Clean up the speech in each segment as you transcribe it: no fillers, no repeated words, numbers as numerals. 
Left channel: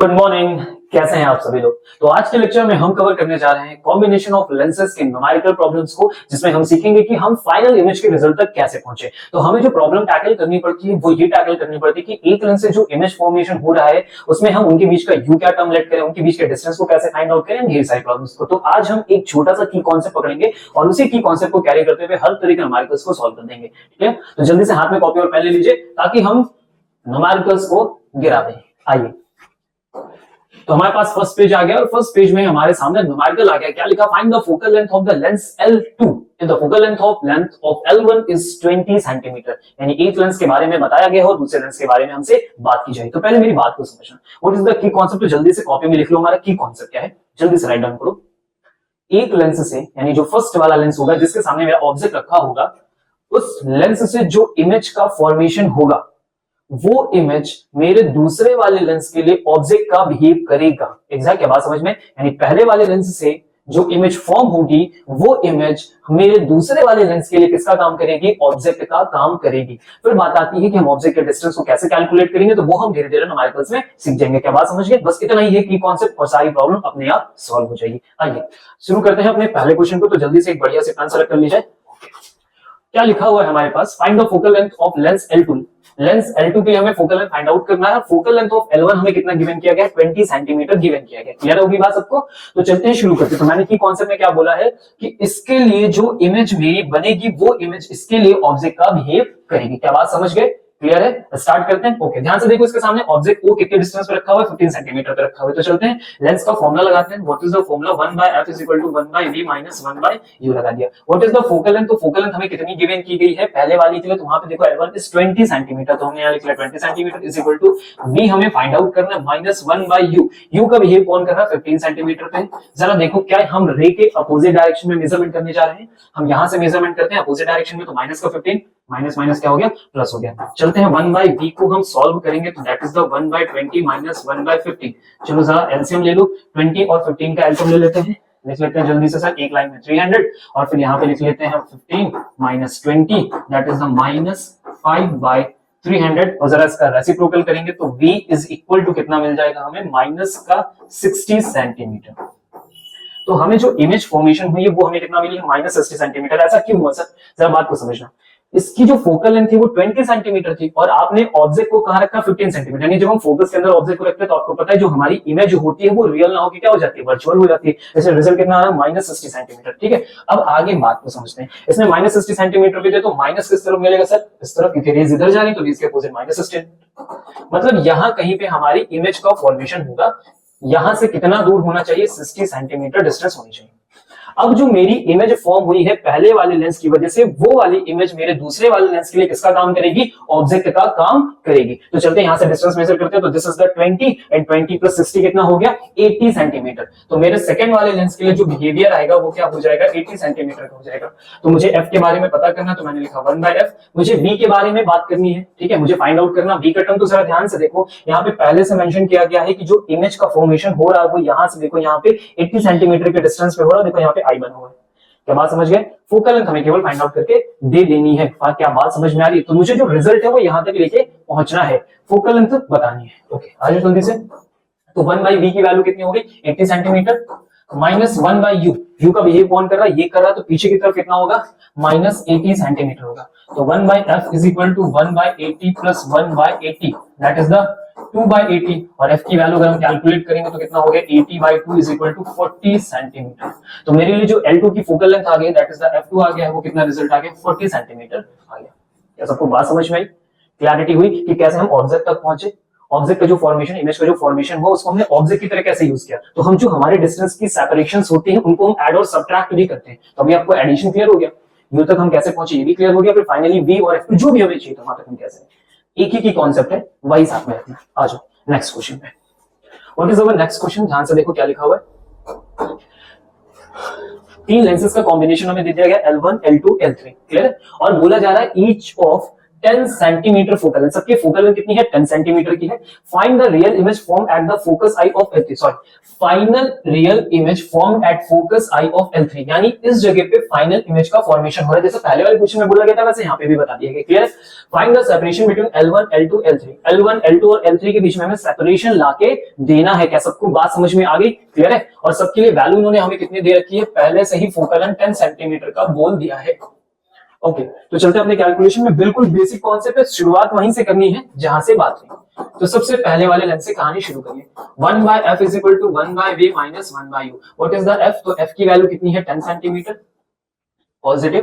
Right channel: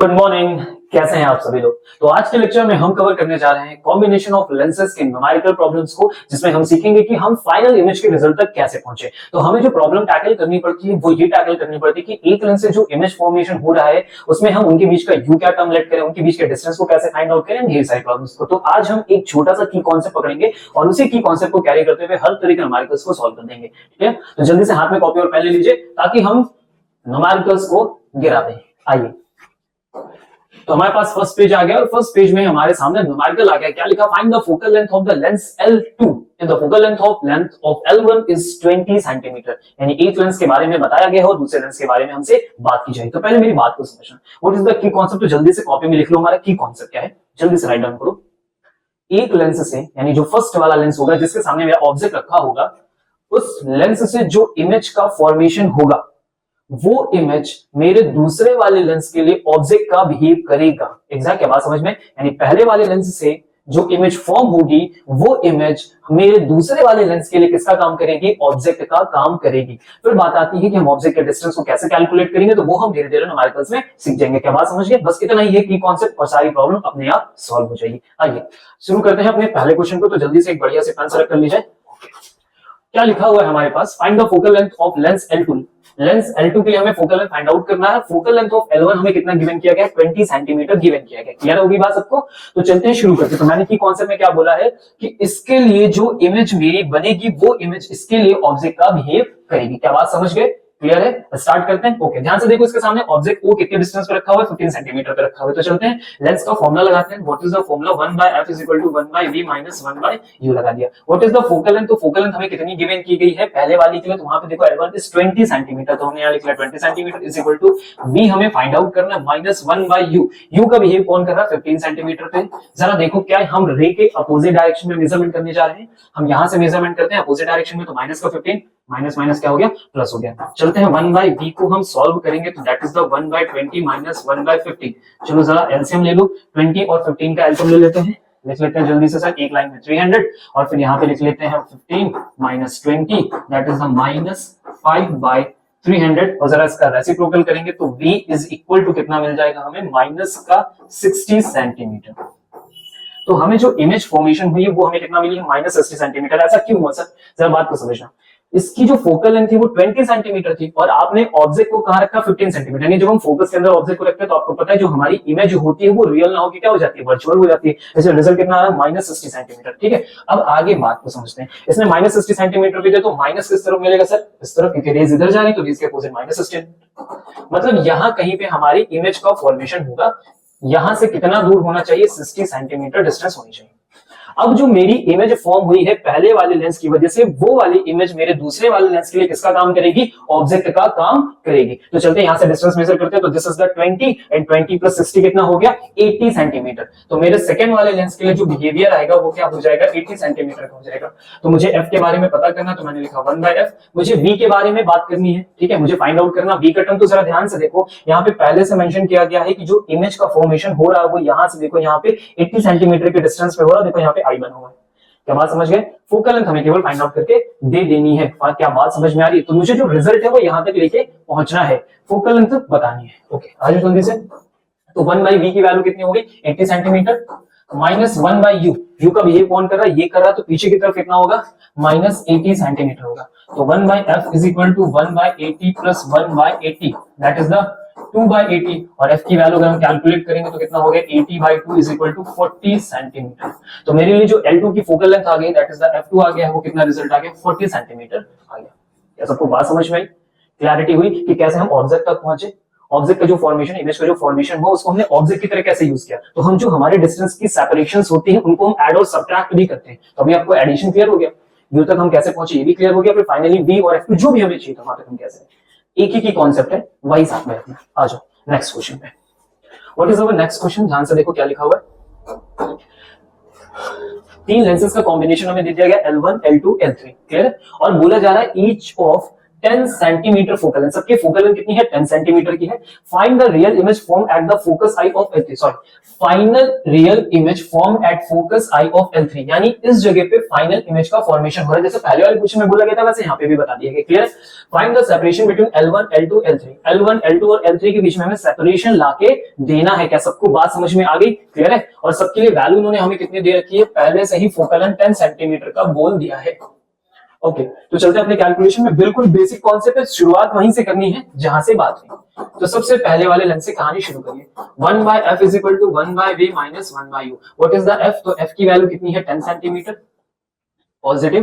Good morning. कैसे हैं आप सभी लोग। तो आज के लेक्चर में हम कवर करने जा रहे हैं कॉम्बिनेशन ऑफ लेंसेज के न्यूमेरिकल प्रॉब्लम्स को, जिसमें हम सीखेंगे कि हम फाइनल इमेज के रिजल्ट तक कैसे पहुंचे। तो हमें जो प्रॉब्लम टैकल करनी पड़ती है वो ये टैकल करनी पड़ती है कि एक लेंस से जो इमेज फॉर्मेशन हो रहा है उसमें हम उनके बीच का यू क्या टर्म लेट करें, उनके बीच के डिस्टेंस को कैसे फाइंड आउट करें, ये सारी प्रॉब्लम्स को। तो आज हम एक छोटा सा की कॉन्सेप्ट पकड़ेंगे और उसी की कॉन्सेप्ट को कैरी करते हुए हर तरह के न्यूमेरिकल्स को सॉल्व कर देंगे। ठीक है, तो जल्दी से हाथ में कॉपी और पेन ले लीजिए ताकि हम न्यूमेरिकल्स को गिरा दें। आइए, तो हमारे पास फर्स्ट पेज आ गया और फर्स्ट पेज में हमारे सामने न्यूमेरिकल आ गया। क्या लिखा? Find the focal length of the lens L2 if the focal length of L1 is 20 centimetre. यानी एक लेंस के बारे में बताया गया है और दूसरे लेंस के बारे में हमसे बात की जाएगी। तो पहले मेरी बात को समझना, what is the key concept. तो जल्दी से कॉपी में लिख लो हमारा की कॉन्सेप्ट क्या है, जल्दी से राइट डाउन करो। एक लेंस से, यानी जो फर्स्ट वाला लेंस होगा जिसके सामने मेरा ऑब्जेक्ट रखा होगा, उस लेंस से जो इमेज का फॉर्मेशन होगा वो इमेज मेरे दूसरे वाले लेंस के लिए ऑब्जेक्ट का बिहेव करेगा। एग्जैक्ट क्या बात समझ में? यानी पहले वाले लेंस से जो इमेज फॉर्म होगी वो इमेज मेरे दूसरे वाले लेंस के लिए किसका काम करेगी? ऑब्जेक्ट का काम करेगी। फिर बात आती है कि हम ऑब्जेक्ट के डिस्टेंस को कैसे कैलकुलेट करेंगे, तो वो हम धीरे धीरे न्यूमेरिकल्स में सीख जाएंगे। क्या बात समझ गए? बस इतना ही है कि कॉन्सेप्ट और सारी प्रॉब्लम अपने आप सॉल्व हो जाएगी। आइए शुरू करते हैं अपने पहले क्वेश्चन को। तो जल्दी से एक बढ़िया से पेन सेलेक्ट कर लीजिए। क्या लिखा हुआ है हमारे पास? Find the focal length of lens L2। Lens L2 के लिए हमें फोकल लेंथ फाइंड आउट करना है। फोकल लेंथ ऑफ L1 हमें कितना गिवन किया गया है? 20 सेंटीमीटर गिवन किया गया। क्लियर होगी बात सबको? तो चलते हैं, शुरू करते हैं। तो मैंने की कॉन्सेप्ट में क्या बोला है कि इसके लिए जो इमेज मेरी बनेगी वो इमेज इसके लिए ऑब्जेक्ट का बिहेव करेगी। क्या बात समझ गए? क्लियर है? स्टार्ट करते हैं। ओके, ध्यान से देखो, इसके सामने ऑब्जेक्ट को कितने डिस्टेंस पे रखा हुआ है? 15 सेंटीमीटर पे रखा हुआ है। तो चलते हैं, लेंस का फॉर्मूला लगाते हैं। What is the formula? 1/f = 1/v - 1/u लगा दिया। What is the focal length? तो फोकल लेंथ हमें कितनी गिवन की गई है पहले वाली के लिए? तो वहां पे देखो L1 इज 20 सेंटीमीटर, तो हमने यहां लिख लिया 20 centimetre is equal to v हमें फाइंड आउट करना है -1/u। u का बिहेव कौन कर रहा है? 15 सेंटीमीटर पे। जरा देखो, क्या हम रे के अपोजिट डायरेक्शन में मेजरमेंट करने जा रहे हैं? हम यहां से मेजरमेंट करते हैं अपोजिट डायरेक्शन में, तो माइनस का 15 माइनस माइनस क्या हो गया? प्लस हो गया। चलते हैं 1/v को हम सॉल्व करेंगे, तो दैट इज द 1/20 - 1/15। चलो जरा एलसीएम ले लो, 20 और 15 का एलसीएम ले लेते हैं। लिख लेते हैं जल्दी से सर, एक लाइन में 300 और फिर यहाँ पे लिख लेते हैं 15 - 20 दैट इज द -5/300। और जरा इसका रेसिप्रोकल करेंगे तो v इज इक्वल टू कितना मिल जाएगा हमें? माइनस का 60 सेंटीमीटर। तो हमें जो इमेज फॉर्मेशन हुई है वो हमें कितना मिली है? -60 सेंटीमीटर। ऐसा क्यों हुआ सर? जरा बात को समझना। इसकी जो फोकल लेंथ थी वो 20 सेंटीमीटर थी और आपने ऑब्जेक्ट को कहां रखा? 15 सेंटीमीटर। यानी जब हम फोकस के अंदर ऑब्जेक्ट को रखते हैं तो आपको पता है जो हमारी इमेज होती है वो रियल ना होकर क्या हो जाती है? वर्चुअल हो जाती है। जैसे रिजल्ट कितना आ रहा है? -60 सेंटीमीटर। ठीक है, अब आगे बात को समझते हैं। इसमें -60 सेंटीमीटर पे तो माइनस किस तरफ मिलेगा सर? इस तरफ, क्योंकि रेज इधर जा रही तो रेज के अपोजिट -60। मतलब यहां कहीं पे हमारी इमेज का फॉर्मेशन होगा। यहां से कितना दूर होना चाहिए? 60 सेंटीमीटर डिस्टेंस होनी चाहिए। अब जो मेरी इमेज फॉर्म हुई है पहले वाले लेंस की वजह से, वो वाली इमेज मेरे दूसरे वाले लेंस के लिए किसका काम करेगी? ऑब्जेक्ट का काम करेगी। तो चलते हैं यहां से डिस्टेंस मेजर करते हैं। तो this is the 20 and 20 plus 60 कितना हो गया? 80 सेंटीमीटर। तो मेरे सेकंड वाले लेंस के लिए जो बिहेवियर आएगा वो क्या हो जाएगा? 80 सेंटीमीटर का हो जाएगा। तो मुझे f के बारे में पता करना, तो मैंने लिखा 1/f। मुझे v के बारे में बात करनी है। ठीक है, मुझे फाइंड आउट करना v का टर्म। तो जरा ध्यान से देखो, यहाँ पे पहले से मेंशन किया गया है कि जो इमेज का फॉर्मेशन हो रहा है वो यहां से देखो, यहाँ पे 80 सेंटीमीटर के डिस्टेंस पे हो रहा है। देखो यहाँ पे i बना हुआ है। क्या बात समझ गए? फोकल लेंथ हमें केवल फाइंड आउट करके दे देनी है। क्या बात समझ में आ रही है? तो मुझे जो रिजल्ट है वो यहां तक लेके पहुंचना है, फोकल लेंथ बतानी है। ओके, आ जाओ जल्दी से। तो 1/v की वैल्यू कितनी होगी? 80 सेंटीमीटर माइनस 1/u। u का बिहेव कौन कर रहा है? ये कर रहा है, तो पीछे की तरफ कितना होगा? -80 सेंटीमीटर होगा। तो 1/f is equal to 1/80 plus 1/80 that is the 2/80। और f की वैल्यू अगर हम कैलकुलेट करेंगे तो कितना हो गया? 80/2 इज इक्वल टू 40 सेंटीमीटर। तो मेरे लिए जो L2 की फोकल लेंथ आ गई दैट इज द f2 आ गया, वो कितना रिजल्ट आ गया? 40 सेंटीमीटर आ गया। क्या सबको बात समझ में आई? क्लैरिटी हुई कि कैसे हम ऑब्जेक्ट तक पहुंचे? ऑब्जेक्ट का जो फॉर्मेशन, इमेज का जो फॉर्मेशन हो उसको हमने ऑब्जेक्ट की तरह कैसे यूज किया? तो हम जो हमारे डिस्टेंस की सेपरेशंस होती हैं उनको हम ऐड और सब्ट्रैक्ट भी करते हैं। तो अभी आपको एडिशन क्लियर हो गया, यू तक हम कैसे पहुंचे ये भी क्लियर हो गया। फिर फाइनली v और f2 जो भी हमें चाहिए वहां तक हम कैसे, एक ही की कॉन्सेप्ट है, वही साथ में रखना। आ जाओ नेक्स्ट क्वेश्चन पे। What is our next question? ध्यान से देखो क्या लिखा हुआ है। तीन लेंसेज का कॉम्बिनेशन हमें दे दिया गया L1, L2, L3। क्लियर है? और बोला जा रहा है each of 10 centimetre focal length, सबकी फोकल लेंथ कितनी है 10 सेंटीमीटर की है। Find the real image form at the focus I of L3, sorry final real image form at focus I of L3, यानी इस जगह पे फाइनल इमेज का फॉर्मेशन हो रहा है, जैसे पहले वाले क्वेश्चन में बोला गया था वैसे यहाँ पे भी बता दिया गया। Clear? Find the separation between L1 L2 L3, L1 L2 और L3 के बीच में हमें सेपरेशन लाके देना है। क्या सबको बात समझ में आ गई? क्लियर है? और सबके लिए वैल्यू उन्होंने हमें कितनी दे रखी है, पहले से ही फोकल लेंथ 10 सेंटीमीटर का बोल दिया है। ओके, तो चलते हैं अपने कैलकुलेशन में। बिल्कुल बेसिक कॉन्सेप्ट है, शुरुआत वहीं से करनी है जहां से बात हुई। तो सबसे पहले वाले लेंथ से कहानी शुरू करिए। 1/f is equal to 1/v minus 1/u। What is the f? तो f की वैल्यू कितनी है 10 सेंटीमीटर पॉजिटिव।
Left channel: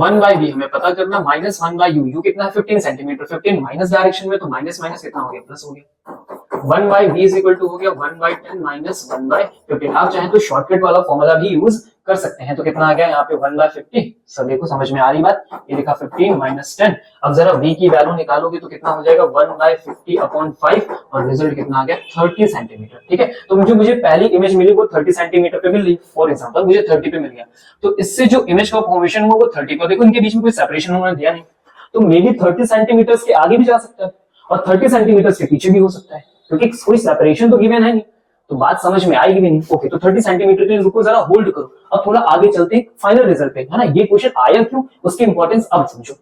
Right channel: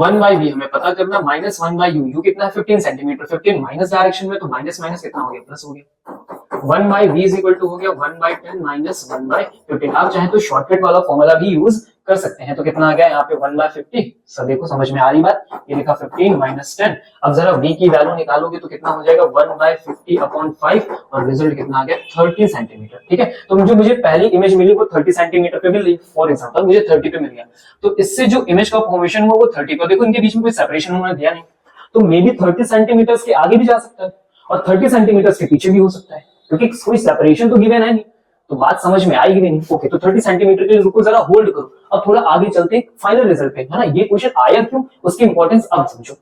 1/v हमें पता करना, माइनस 1/u, u कितना है 15 सेंटीमीटर, 15 माइनस डायरेक्शन में, तो माइनस माइनस कितना हो गया प्लस हो गया। 1/v इज इक्वल टू हो गया 1/10 माइनस 1/15। आप चाहे तो शॉर्टकट वाला फॉर्मूला भी यूज कर सकते हैं। तो कितना आ गया यहाँ पे 1/50। सब देखो समझ में आ रही बात, ये लिखा 15 माइनस 10। अब जरा v की वैल्यू निकालोगे तो कितना हो जाएगा 1/50 अपॉन 5 और रिजल्ट कितना आ गया 30 सेंटीमीटर। ठीक है, तो मुझे पहली इमेज मिली वो 30 सेंटीमीटर पे मिली, फॉर एग्जांपल मुझे 30 पे मिल गया, तो इससे जो इमेज का फॉर्मेशन हुआ वो 30 पे। देखो इनके बीच में कोई सेपरेशन उन्होंने दिया नहीं, तो मे बी 30 सेंटीमीटर के आगे भी जा सकता है और 30 सेंटीमीटर के पीछे भी हो सकता है, क्योंकि कोई सेपरेशन तो गिवन है नहीं, तो बात समझ में आएगी भी नहीं। ओके, तो 30 सेंटीमीटर के लिए रुको, जरा होल्ड करो, अब थोड़ा आगे चलते हैं फाइनल रिजल्ट पे, है ना। ये क्वेश्चन आया क्यों, उसकी इंपॉर्टेंस अब समझो।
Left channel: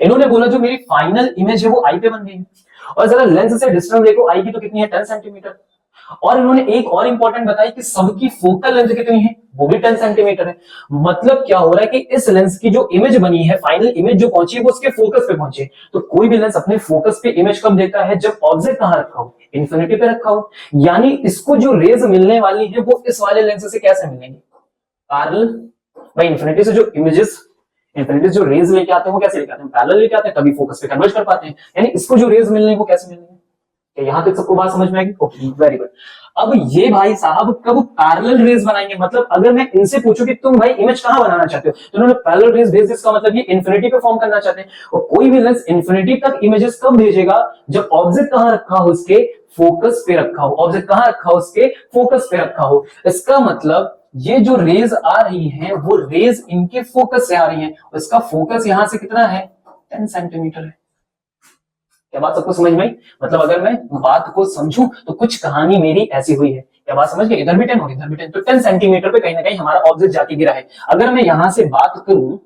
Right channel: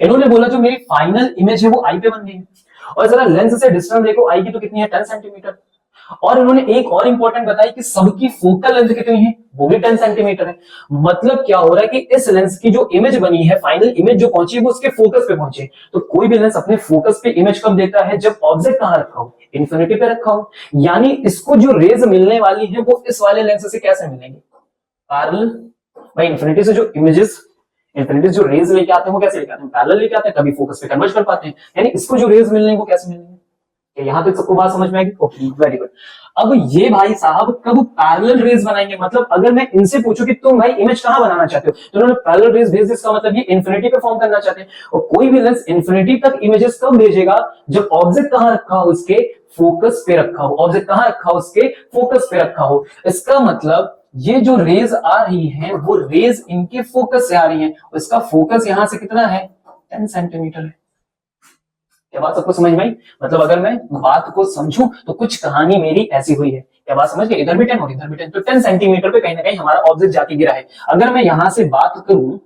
इन्होंने बोला जो मेरी फाइनल इमेज है वो आई पे बन गई है, और जरा लेंस से डिस्टेंस देखो, आई की तो कितनी है 10 सेंटीमीटर, और इन्होंने एक और इंपॉर्टेंट बताई कि सबकी फोकल लेंथ कितनी है, वो भी 10 सेंटीमीटर है। मतलब क्या हो रहा है कि इस लेंस की जो इमेज बनी है, फाइनल इमेज जो पहुंची है वो उसके फोकस पे पहुंची। तो कोई भी लेंस अपने फोकस पे इमेज कब देता है, जब ऑब्जेक्ट कहां रखा हो, इन्फिनिटी पे रखा हो। यानी इसको जो रेज मिलने वाली है वो इस वाले लेंस से कैसे मिलेंगे, पैरेलल। भाई इन्फिनिटी से जो इमेजेस, इन्फिनिटी जो रेज लेके आते हैं वो कैसे लेके आते हैं, पैरेलल लेके आते हैं, तभी फोकस पे कन्वर्ट कर पाते हैं। यानी इसको जो रेज मिलने वो कैसे मिलेंगे। यहां तक सबको बात समझ में आएगी? Okay, very good. अब ये भाई साहब कब पैरेलल रेज बनाएंगे, मतलब अगर मैं इनसे पूछूं कि तुम भाई इमेज कहां बनाना चाहते हो, तो उन्होंने पैरेलल रेज भेज, इसका मतलब ये इन्फिनिटी पे फॉर्म करना चाहते हैं। और कोई भी लेंस इन्फिनिटी तक इमेजेस कब भेजेगा, जब ऑब्जेक्ट कहां रखा हो, उसके फोकस पे रखा हो। ऑब्जेक्ट कहां रखा हो, उसके फोकस पे रखा हो। इसका मतलब ये जो रेज आ रही है वो रेज इनके फोकस से आ रही है, इसका फोकस यहां से कितना है 10 सेंटीमीटर है। क्या बात सबको समझ में आई? मतलब अगर मैं बात को समझूं तो कुछ कहानी मेरी ऐसी हुई है। क्या बात समझ गए? इधर भी 10 और इधर भी 10, तो 10 सेंटीमीटर पे कहीं ना कहीं हमारा ऑब्जेक्ट जाके गिरा है। अगर मैं यहां से बात करूं,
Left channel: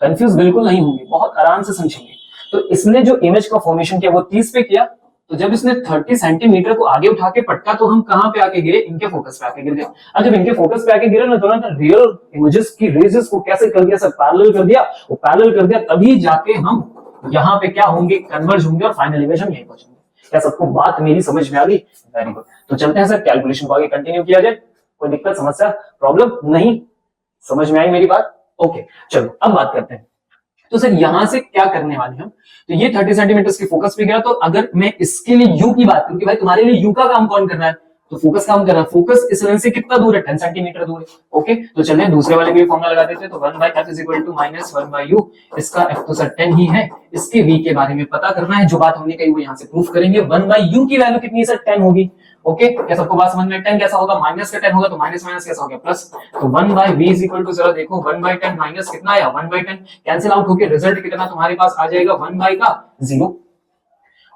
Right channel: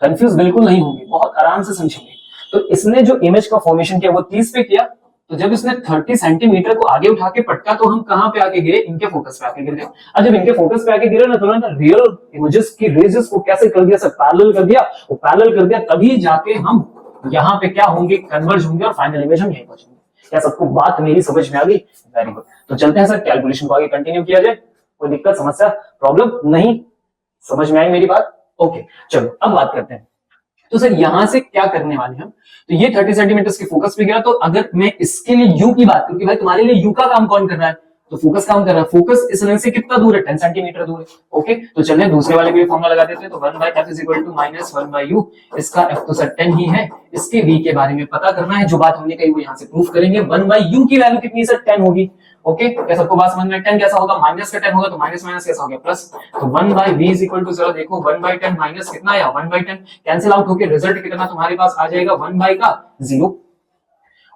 कंफ्यूज बिल्कुल नहीं होंगे, बहुत आराम से समझेंगे। तो इसने जो इमेज का फॉर्मेशन किया वो 30 पे किया, तो जब इसने 30 सेंटीमीटर को आगे उठा के पटका तो हम कहां पे आके गिरे, इनके फोकस पे आके गिर गए। अब जब इनके फोकस पे आके गिरे ना, तो ना रियल इमेजेस की रेजेस को कैसे कर दिया, सब पैरेलल कर दिया। वो पैरेलल कर दिया तभी जाके हम यहाँ पे क्या होंगे, कन्वर्ज होंगे और फाइनल इमेज हम यहीं पहुंचेंगे। क्या सबको बात मेरी समझ में आ गई? Very good. तो चलते हैं सर कैलकुलेशन को आगे कंटिन्यू किया जाए। कोई दिक्कत, समस्या, प्रॉब्लम नहीं? समझ में आई मेरी बात? ओके, चलो अब बात करते हैं। तो सर यहां से क्या करने वाले हम, तो ये 30 सेंटीमीटर की फोकस पे गया, तो अगर मैं इसके लिए यू की बात करूं कि भाई तुम्हारे लिए यू का काम कौन कर रहा है, तो फोकस काम कर रहा है। फोकस इस लेंस से कितना दूर है, 10 सेंटीमीटर दूर है। ओके, तो चलिए दूसरे वाले भी फॉर्मूला लगा देते हैं। तो 1/f is equal to minus 1/u, इसका f तो सर 10 ही है, इसके v के बारे में पता करना है। जो बात हमने कही वो यहां से प्रूफ करेंगे। 1/u की वैल्यू कितनी है सर, 10 होगी। ओके, क्या सबको बात समझ में? 10 कैसा होगा, माइनस का 10 होगा, तो माइनस माइनस कैसा हो गया प्लस। तो 1/v इज इक्वल टू, जरा देखो 1/10 माइनस कितना आया 1/10, कैंसिल आउट होकर रिजल्ट कितना तुम्हारे पास आ जाएगा 1/0।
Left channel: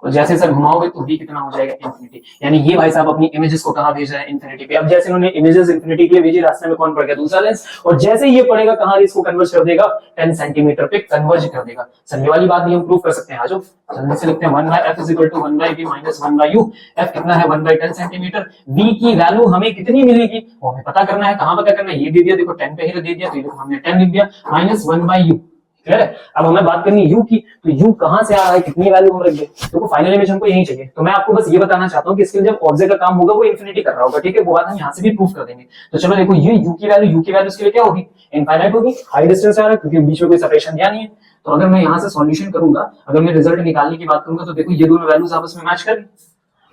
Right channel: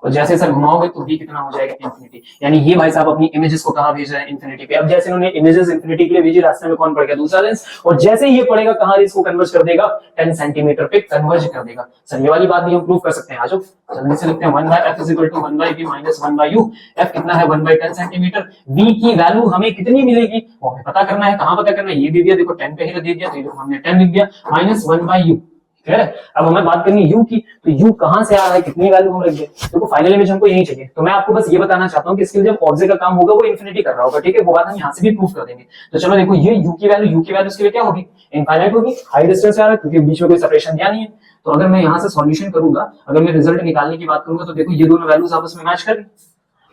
और जैसे सर घुमाओगे तो v कितना हो जाएगा इंफिनिटी। यानी ये भाई साहब अपनी इमेजेस को कहां भेज रहे हैं, इंफिनिटी पे। अब जैसे इन्होंने इमेजेस इंफिनिटी के लिए भेजी, रास्ते में कौन पड़ गया, दूसरा लेंस, और जैसे ये पड़ेगा कहां, इसको कन्वर्ज कर देगा 10 सेंटीमीटर पे कन्वर्ज कर देगा। सर ये वाली बात भी हम प्रूव कर सकते हैं। आ जाओ जल्दी से लिखते हैं। 1/f is equal to 1/v minus 1/u। f कितना है 1/10 सेंटीमीटर। v की वैल्यू हमें कितनी मिलेगी वो हमें पता करना है। कहां पता करना है, ये दे दिया, देखो 10 पे ही दे दिया, तो हमने 10 लिख दिया, माइनस 1/u। ठीक है, अब हमें बात करनी u की, तो u कहां से आ रहा है, कितनी वैल्यू हम रख दें। देखो फाइनल इमेज हमको यही चाहिए, तो मैं आपको बस ये बताना चाहता हूं कि इसके लिए जब ऑब्जेक्ट का काम होगा वो इंफिनिटी कर रहा होगा। ठीक है, वो बात हम यहां से भी प्रूफ कर देंगे। तो चलो देखो, ये u की वैल्यू इसके लिए क्या होगी, इनफाइनाइट होगी। हाई डिस्टेंस आ रहा है क्योंकि बीच में कोई सेपरेशन दिया नहीं है। तो अगर मैं यहां से सॉल्यूशन करूंगा, अगर मैं रिजल्ट निकालने की बात करूंगा, तो देखो ये दोनों वैल्यूज आपस में मैच कर रही,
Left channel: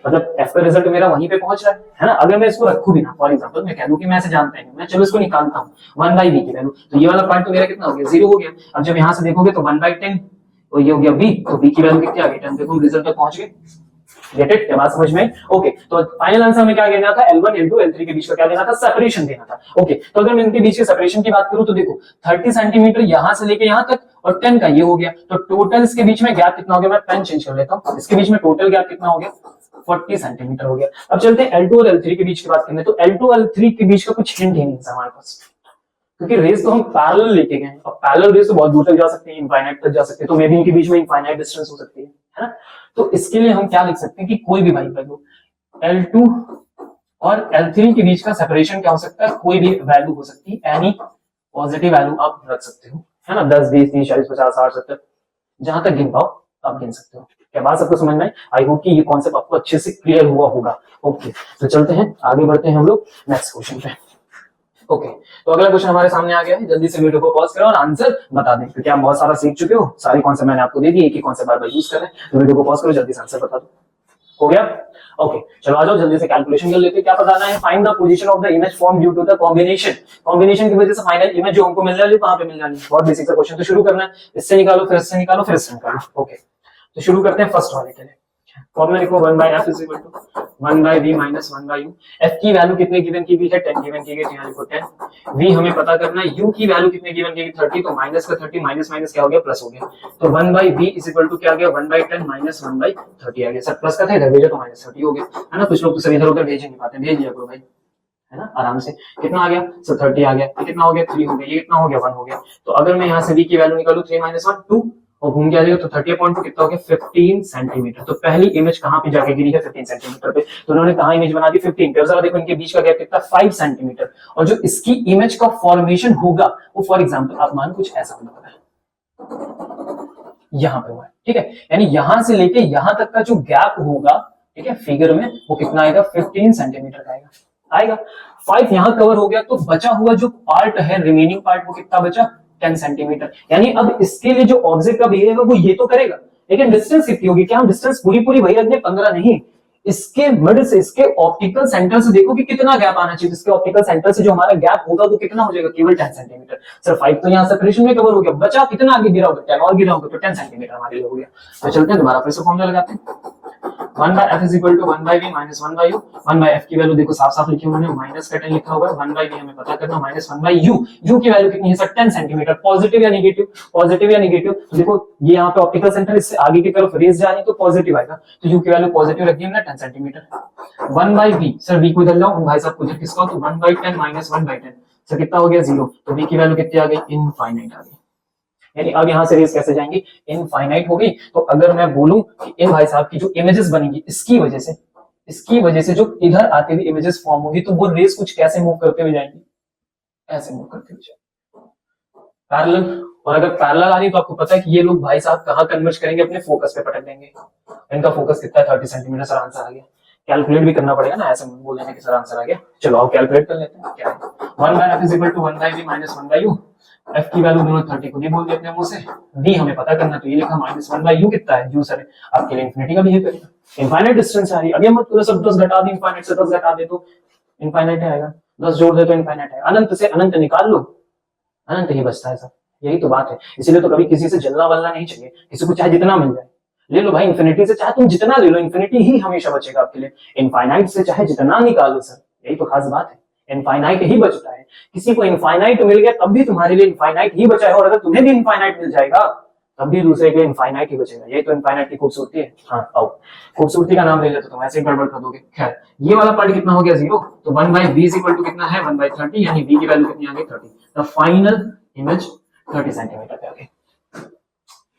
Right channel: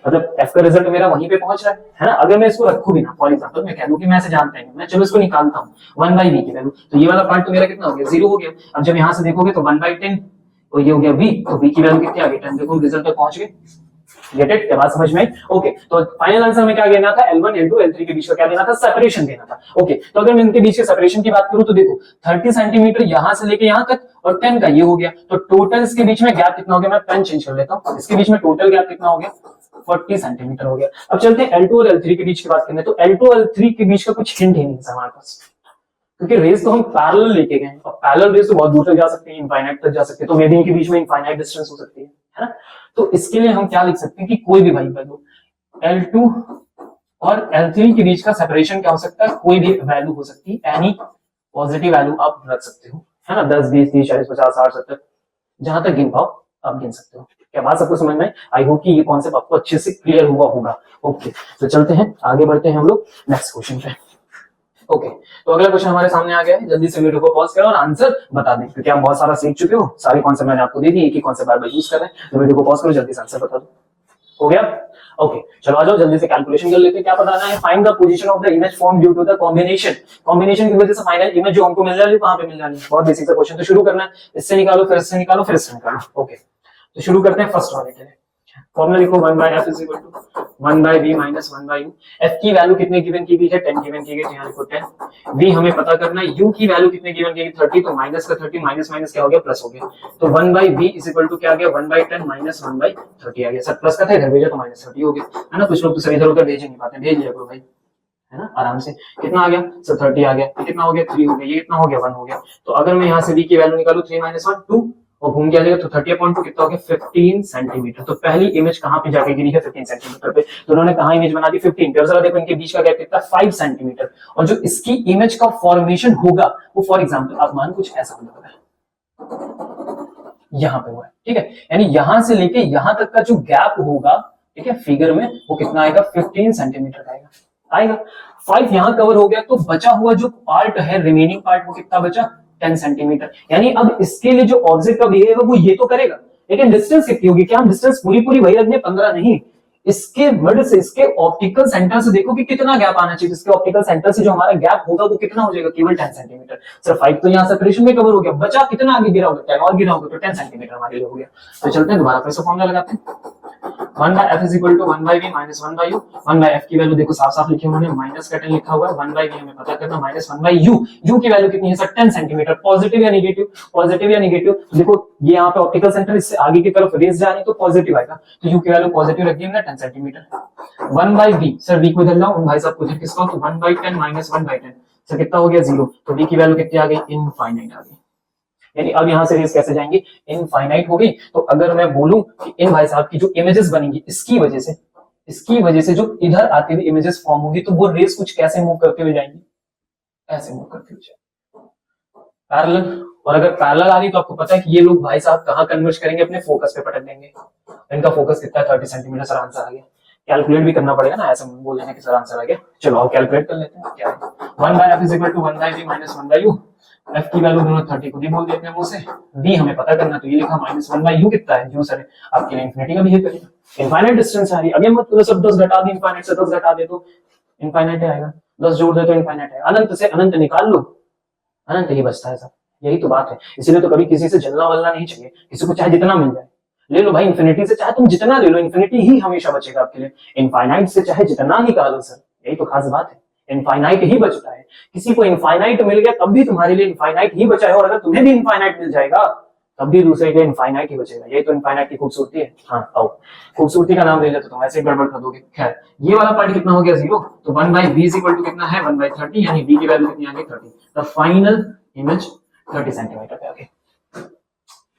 मतलब f का रिजल्ट मेरा वहीं पे पहुंच रहा है ना। अगर मैं इसको रखूं भी ना, फॉर एग्जांपल मैं कह दूं कि मैं ऐसे जानता हूं, मैं चलो इसको निकालता हूं 1/v की वैल्यू, तो ये वाला पार्ट तो मेरा कितना हो गया 0 हो गया। अब जब यहां से देखोगे तो 1/10, तो ये हो गया v, तो v की वैल्यू कितनी आ गई 10। देखो रिजल्ट तक पहुंच गए। Get it? क्या बात समझ में आई? ओके, तो फाइनल आंसर हमें क्या देना था? L1 L2 L3 के बीच का क्या देना था? सेपरेशन देना था। ओके, तो अगर मैं इनके बीच के सेपरेशन की बात करूं तो देखो 30 सेंटीमीटर यहां से लेके यहां तक और 10 का ये हो गया, तो टोटल इसके बीच में गैप कितना हो गया? मैं पेन चेंज कर लेता हूं, इसके बीच में टोटल गैप कितना हो गया? 40 सेंटीमीटर हो गया। अब चलते हैं L2 और L3 के बीच की बात करने, तो L2 और L3 के बीच का कुछ हिंट ही नहीं है हमारे पास, क्योंकि रेस तो हम पैरेलल लेके गए हैं, और पैरेलल रेस तो बहुत दूर तक जा सकती है, इनफाइनाइट तक जा सकती है, तो मे बी इनके बीच में इनफाइनाइट डिस्टेंस हो सकती है ना? तो इसके लिए हम क्या लिख सकते हैं कि कोई भी वैल्यू L2 और L3 के बीच का सेपरेशन क्या हो सकता है? कोई भी वैल्यू हो सकती है, एनी पॉजिटिव वैल्यू आप रख सकते हो, है ना? 10 20 30 40 50 60 70 जहां तक गिन पाओ आप गिन सकते हो। क्या बात सबको समझ में? आई होप कि ये कॉन्सेप्ट आपको अच्छे से क्लियर हुआ होगा। ओके, तो चलते हैं आगे, बढ़ते हैं हम लोग नेक्स्ट क्वेश्चन पे। ओके, तो अगला क्वेश्चन हमारे सामने आ गया है, जल्दी से वीडियो को पॉज करो और आंसर बता दें, क्योंकि आप बहुत सारा सीख चुके हो, सारे कॉन्सेप्ट मैंने आपको दे दिए, एक ही कॉन्सेप्ट बार बार यूज कर रहे हैं, तो वीडियो को पॉज करो, जल्दी से आंसर बता दो। हो गया? ओके, चलो आ जाओ जल्दी से कैलकुलेशन कर लेते हैं। क्या बताना है? Find the position of the image form due to the combination. Combination की वजह से फाइनल इमेज जो हमको मिल जानी है वहां पे मिल जानी है। बहुत बेसिक सा क्वेश्चन, तो शुरू करना है, इससे निकालो, फिर इससे निकालो, फिर इससे निकालो। ओके, तो शुरू करते हैं फर्स्ट वाले के लिए। फॉर्मूला लिखो 1/f = 1/v - 1/u। f की वैल्यू कितने गिवन की गई है? 10 गिवन की गई, तो यहां लिखो 10। v हमें पता करना है, u की वैल्यू कितने गिवन की गई? 30, तो माइनस का 30 माइनस माइनस क्या हो गया? प्लस हो गया, तो 1/v = क्या आ गया? 1/10 - 1/30 आ गया। सब प्लस का था, इधर भेजा तो -30 हो गया, है ना? कुछ लोग तो सर इधर उधर भेज नहीं पाते, भेज लिया करो भाई, है ना? आराम से। कितना आ गया? सर 30 आ गया। ये कितना हो गया? 3 हो गया। ये कितना हो गया? 1 हो गया। तो अगर मैं यहाँ से v की वैल्यू निकालूं 3 - 1 2 और घूम के आ जाएगा, तो 30/2 कितना हो गया? 15 सेंटीमीटर। तो पहली इमेज कहां पे जाके गिरी है? 15 सेंटीमीटर पे। तो उन्होंने कहां इमेज बना दी? 15 पे। जरा देखो इनके बीच का गैप कितना? 5 सेंटीमीटर। और जो इसकी इमेज का फॉर्मेशन होगा वो फॉर एग्जांपल आप मान कुछ ऐसा होगा, यहां पे हुआ है, ठीक है? यानी यहां से लेके यहां तक का जो गैप होगा, ठीक है, फिगर में वो कितना आएगा? 15 सेंटीमीटर का आएगा। 5 यहां कवर हो गया, तो बचा हुआ जो पार्ट है, रिमेनिंग पार्ट, वो कितना बचा? 10 सेंटीमीटर। यानी अब इसके लिए जो ऑब्जेक्ट का बिहेवियर वो ये तो करेगा, लेकिन डिस्टेंस कितनी होगी? क्या हम डिस्टेंस पूरी पूरी वही रख दें? 15 नहीं, इसके मिड से, इसके ऑप्टिकल सेंटर से देखो कि कितना गैप आना चाहिए। इसके ऑप्टिकल सेंटर से जो हमारा गैप होगा वो कितना हो जाएगा? केवल 10 सेंटीमीटर। सर 5 तो यहां सेपरेशन में कवर हो गया, बचा कितना आगे गिरा होगा? 10 और गिरा होगा, तो 10 सेंटीमीटर हमारे लिए हो गया। तो चलते हैं दोबारा फिर से फॉर्मूला लगाते हैं। 1/f = 1/v - 1/u। 1/f की वैल्यू देखो साफ साफ लिखी है उन्होंने, माइनस का 10 लिखा हुआ है। 1/v हमें पता करना, -1/u। u की वैल्यू कितनी है सर? 10 सेंटीमीटर। पॉजिटिव या नेगेटिव? पॉजिटिव या नेगेटिव? देखो ये यहाँ पे ऑप्टिकल सेंटर, इससे आगे की तरफ रेज जा रही है तो पॉजिटिव आएगा, तो u की वैल्यू पॉजिटिव रख दी हमने 10 सेंटीमीटर। 1/v, सर v को इधर लाओ, भाई साहब को इधर किसका? तो 1/10 - 1/10, सर कितना हो गया? 0। तो v की वैल्यू कितनी आ गई? इनफाइनाइट आ गई। यानी अब यहां से रेस कैसे जाएंगी? इनफाइनाइट हो गई। तो अगर मैं बोलूं कि इन भाई साहब की जो इमेजेस बनेंगी इसकी वजह से जो इधर आती हुई इमेजेस फॉर्म होगी, तो वो रेस कुछ कैसे मूव करते हुए जाएंगी? ऐसे मूव करते हुए जाएंगी, पैरेलल। और अगर पैरेलल आ रही तो आपको पता है कि ये लोग भाई साहब कहां कन्वर्ज करेंगे? अपने फोकस पे पटक देंगे। इनका फोकस कितना है? 30 सेंटीमीटर। सर आंसर आ गया। कैलकुलेट भी करना पड़ेगा ना, ऐसे बोल देने के सर आंसर आ गया। चलो अब कैलकुलेट कर लेते हैं क्या है। 1/f = 1/v - 1/u। f की वैल्यू दोनों 30 को बोल देते हैं मुंह से। v हमें पता करना, तो ये लिखा -1/u कितना है? u सर आपके लिए इंफिनिटी का बिहेव करेगा, इनफाइनाइट डिस्टेंस आ रही है। अभी मत करो सर 10 घटा दे, इनफाइनाइट से 10 घटा दे तो इनफाइनाइट आएगा, 10 जोड़ दे तो इनफाइनाइट है। अनंत से अनंत निकाल लो, अनंत ही बचता है सर। यही तो बात है, इसीलिए तो कभी किसी से जलना वलना नहीं चाहिए। किसी को चाहे जितना मिल जाए ले लो भाई, इन्फिनिटी से चाहे तुम जितना ले लो, इन्फिनिटी ही हमेशा बचेगा आपके लिए। इनफाइनाइट से चाहे जितना निकालो सर, यही तो खास बात है, इनफाइनाइट ही बचता है। किसी को इनफाइनाइट मिल गया तब भी तुम्हारे लिए इनफाइनाइट ही बचा है, और अगर तुम्हें भी इनफाइनाइट मिल जाएगा तब भी दूसरे के इनफाइनाइट ही बचेगा। यही तो इनफाइनाइट की खूबसूरती है। हाँ आओ, खूबसूरती का नाम ले लेते तुम, ऐसे गड़बड़ कर दोगे। खैर ये वाला पार्ट कितना हो गया? 0। तो 1/v = कितना है? 1/30, यानी v की वैल्यू कितनी आ गई? 30। द फाइनल इमेज 30 सेंटीमीटर पे आ गई।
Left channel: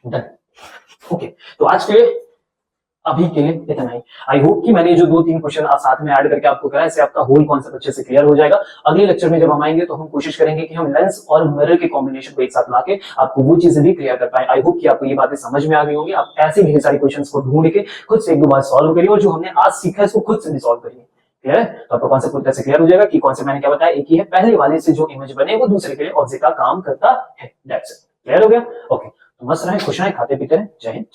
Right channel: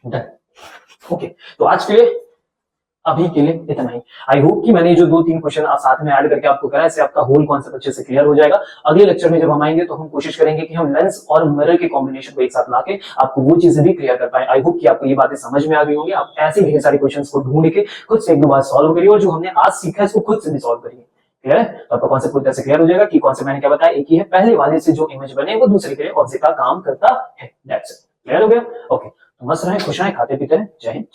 डन। ओके, तो आज के लिए अभी के लिए इतना ही। आई होप कि मैंने जो 2-3 क्वेश्चन आप साथ में ऐड करके आपको करा, इससे आपका होल कॉन्सेप्ट अच्छे से क्लियर हो जाएगा। अगले लेक्चर में जब हम आएंगे तो हम कोशिश करेंगे कि हम लेंस और मिरर के कॉम्बिनेशन को एक साथ लाके आपको वो चीजें भी क्लियर कर पाए। आई होप कि आपको ये बातें समझ में आ गई होंगी। आप ऐसे ढेर सारे क्वेश्चंस को ढूंढ के खुद से एक दो बार सॉल्व करिए, और जो हमने आज सीखा है उसको खुद से भी सॉल्व करिए। क्लियर है? तो आपका कॉन्सेप्ट पूरी तरह से क्लियर हो जाएगा कि कॉन्सेप्ट मैंने क्या बताया, एक ही है, पहले वाले से जो इमेज बने वो दूसरे के लिए ऑब्जेक्ट का काम करता है। That's it. क्लियर हो गया? ओके, तो मस्त रहें, खुश रहें, खाते पीते रहें। जय हिंद।